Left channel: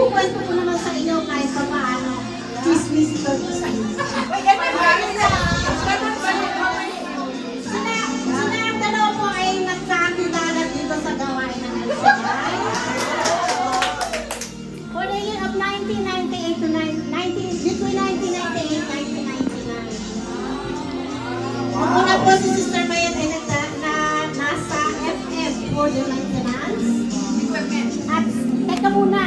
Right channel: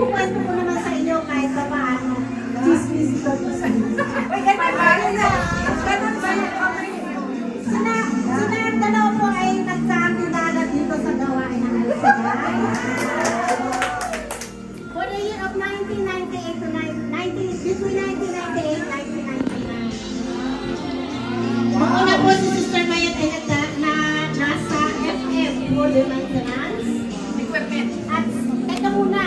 ikukwento ko naman sa inyo kahit sa paano. Chismis ito sa inyo. Sina dalawa po ay nagkakilala dito sa gawain ng Elsegal. For the year of 1998 to between 1998 and 1999. Una po si Sister Mayan ay nasa FF for the maintenance. At, teka muna.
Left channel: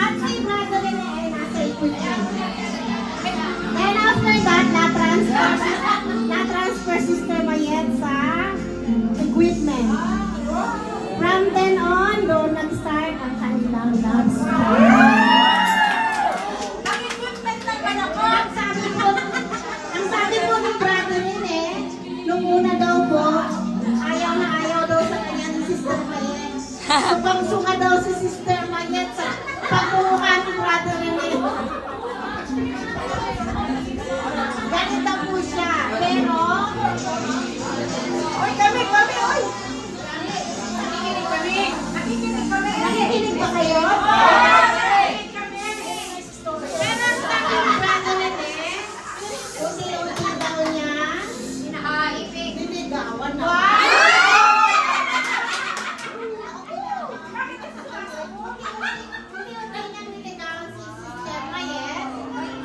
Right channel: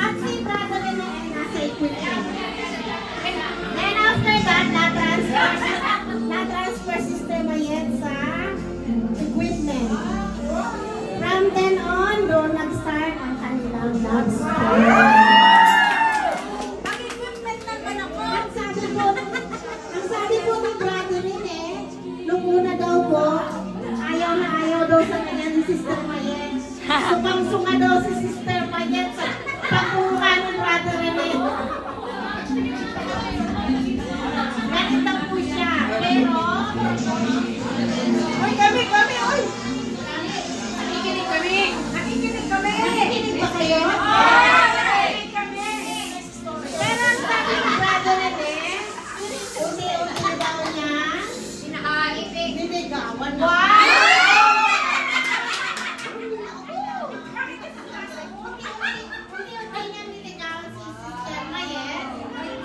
At si Brother Rene ay nasa equipment. Then after that, na-transfer Sister Mayet sa equipment. From then on, doon nag-start ang kanilang dance. Ang equipment lang ba ako? Ang sabi po ni Brother Rene, nung una daw po, ayaw na ayaw daw sa kanya ni Sister Mayet. Sukang-suka daw si Sister Mayet sa pagkuha ng Brother Rene. Ganit lang po siya. Pero, oy, kami, oy! Nakikinig ba kayo? Unti-unti daw niya. Ninigawan na. Unti-unti niya ninigawan si Sister Mayet.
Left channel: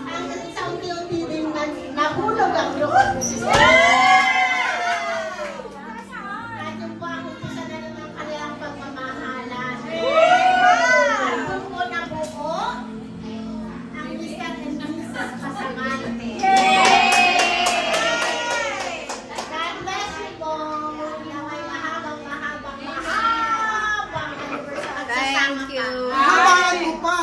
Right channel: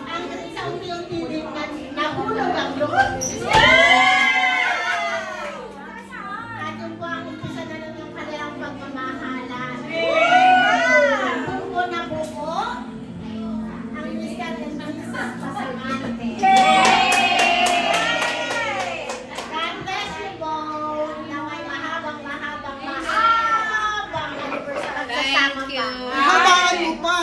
Hanggang sa unti-unti din nahulog ang loob. At yun po ang umpisa na ng kanilang pagmamahalan. Doon po nabuo ang Mr. and Mrs. Pasamante. God bless you po. Naway mahabang anniversary. Thank you. Habaan mo pa.